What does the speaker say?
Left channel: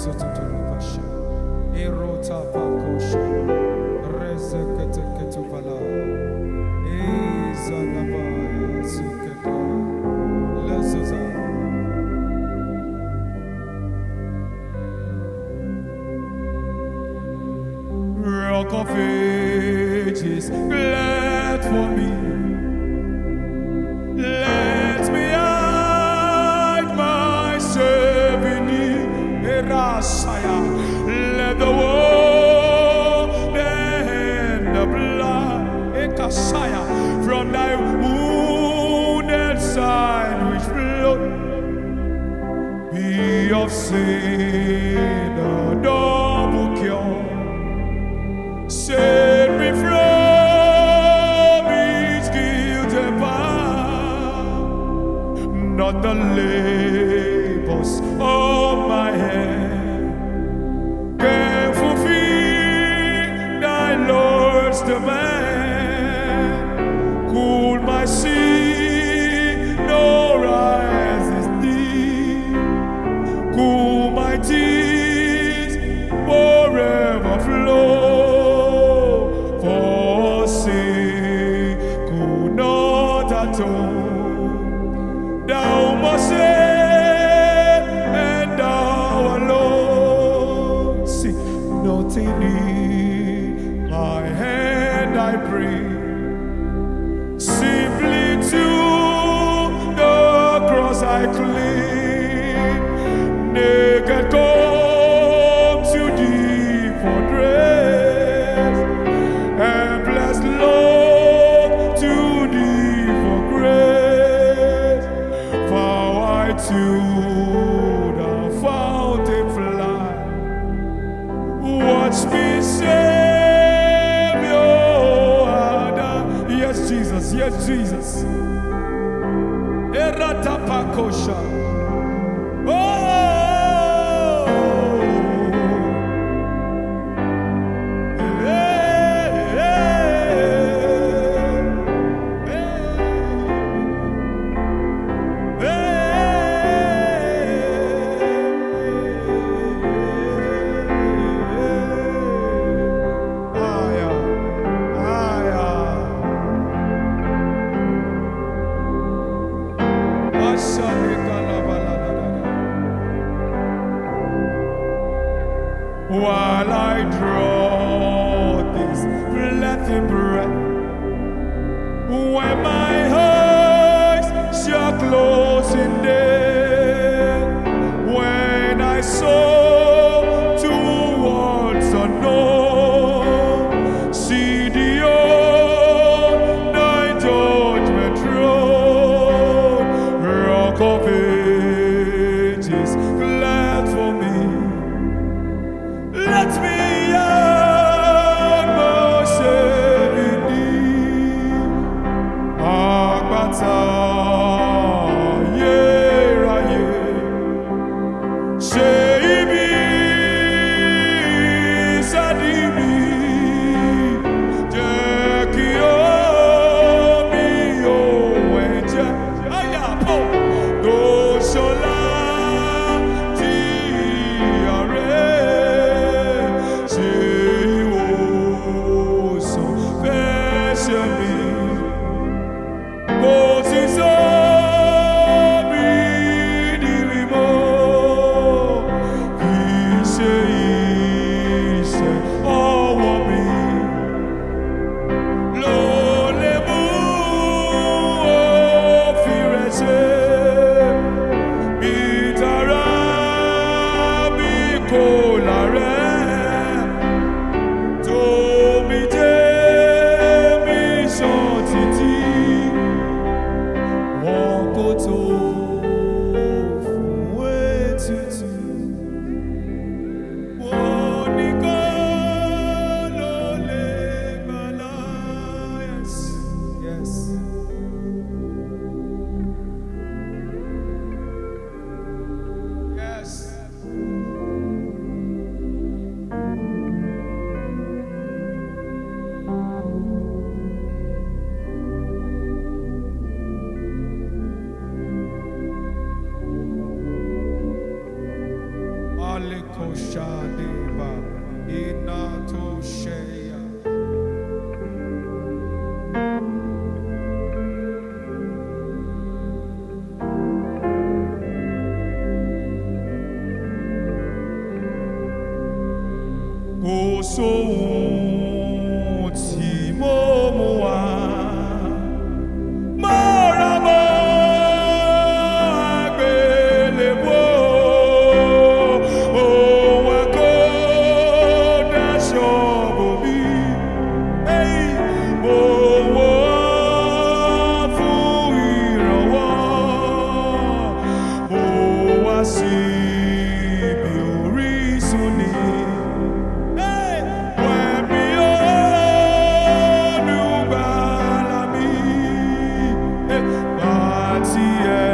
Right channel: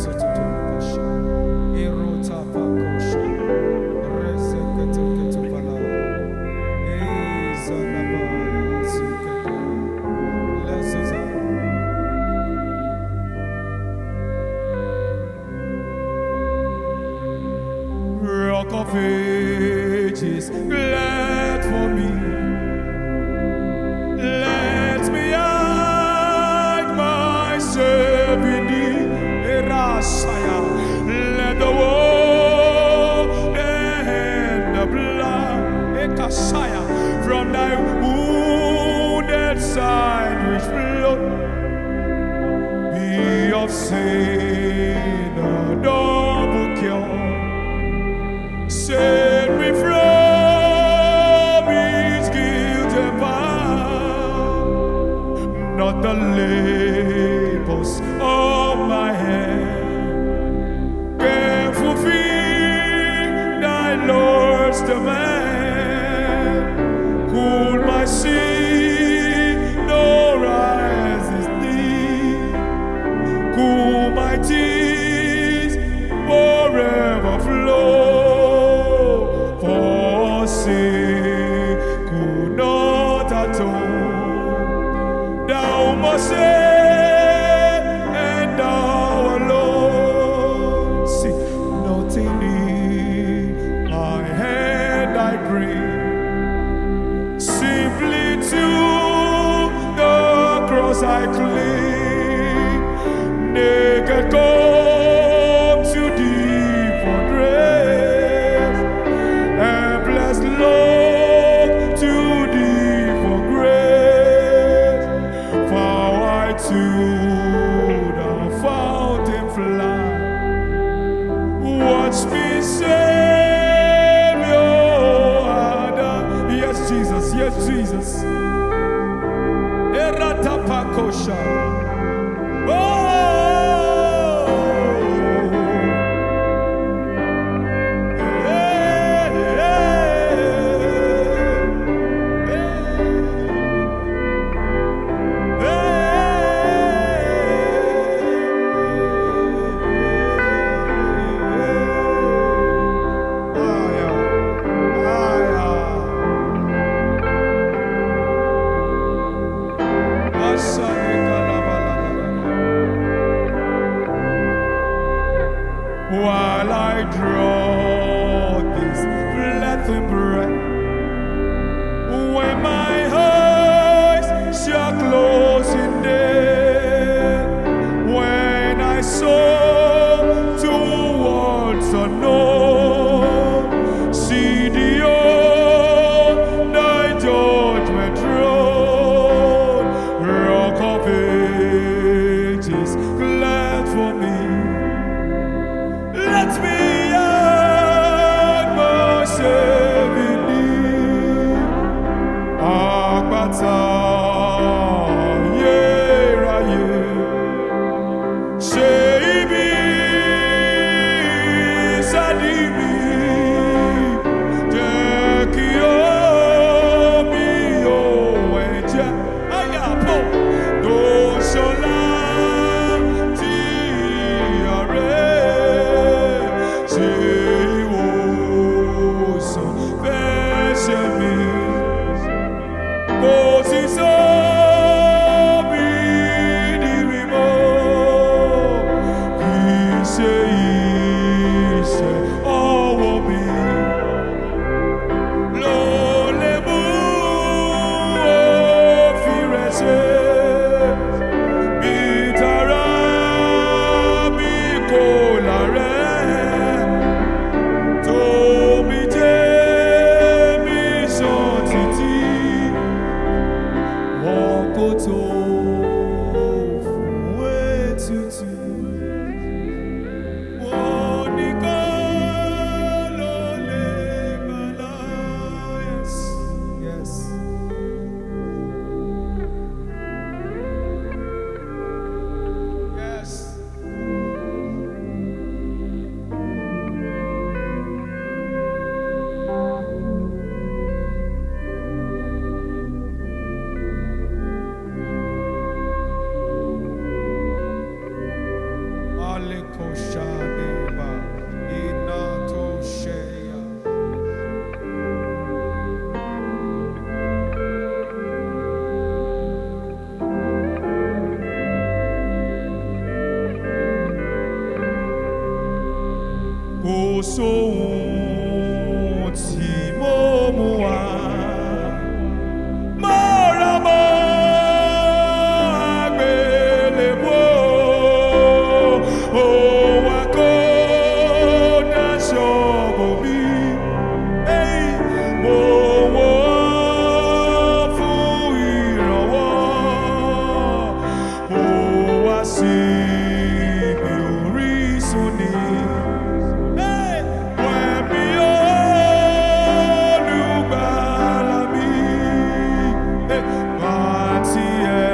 Zututulapasha, Erota Pakosha, Rezeketeketubala, Ezanabaya Zukete, Lezuza. Rock of Ages, glad for me. Let me hide myself in thee. Erasaya, let the war and the blood, Ekasaya, from thy wounded side which flowed, be of sin a double cure. Set me from his guilt and power, not the labors of my hand can fulfill thy Lord's demand. Cool my sea, no rise is deep. Cool my tears, forever flow. For sin could not atone. Thou must save, and thou alone. See, nothing in my hand I bring, simply to the cross I cling. Naked come to thee for grace, and blessed look to thee for grace. For I to the fountain fly, watch me, Savior. Yes, Jesus, yes, Jesus. Eratapakosha. Oh! While I draw this blessing breath, when my eyes shall close in death, when I soar towards unknown, see the old thy judgment throne, Rock of Ages, glad for me. Let me hide myself in thee. Apata, Ayeraye, ṣe ibi sadi mi, jẹ́ kí omi òun ẹ̀jẹ̀ ayapo tó ṣọlá tí ààrẹ. Kò sí sómi ní mímọ́, kì í ṣe iṣẹ́ ọwọ́ mi ló lè mú òfin rẹ̀ ṣe. Bí tara mi kò lárẹ́, tómi jẹ́ mi sàn títí. Wọn kò tó fún ètùtù, wọn nìkan ló lè gbàlà. Yes, yes. Yes. Alikoshadeba Inatosheya. Kò sóhun tí mo mú wá, mo rà mọ́ àgbélébùú, òun àkọ́dáṣọ bò mí, mo wò ó fún ìrànwọ́, mo wá sí ibi orísun ni. Yeah.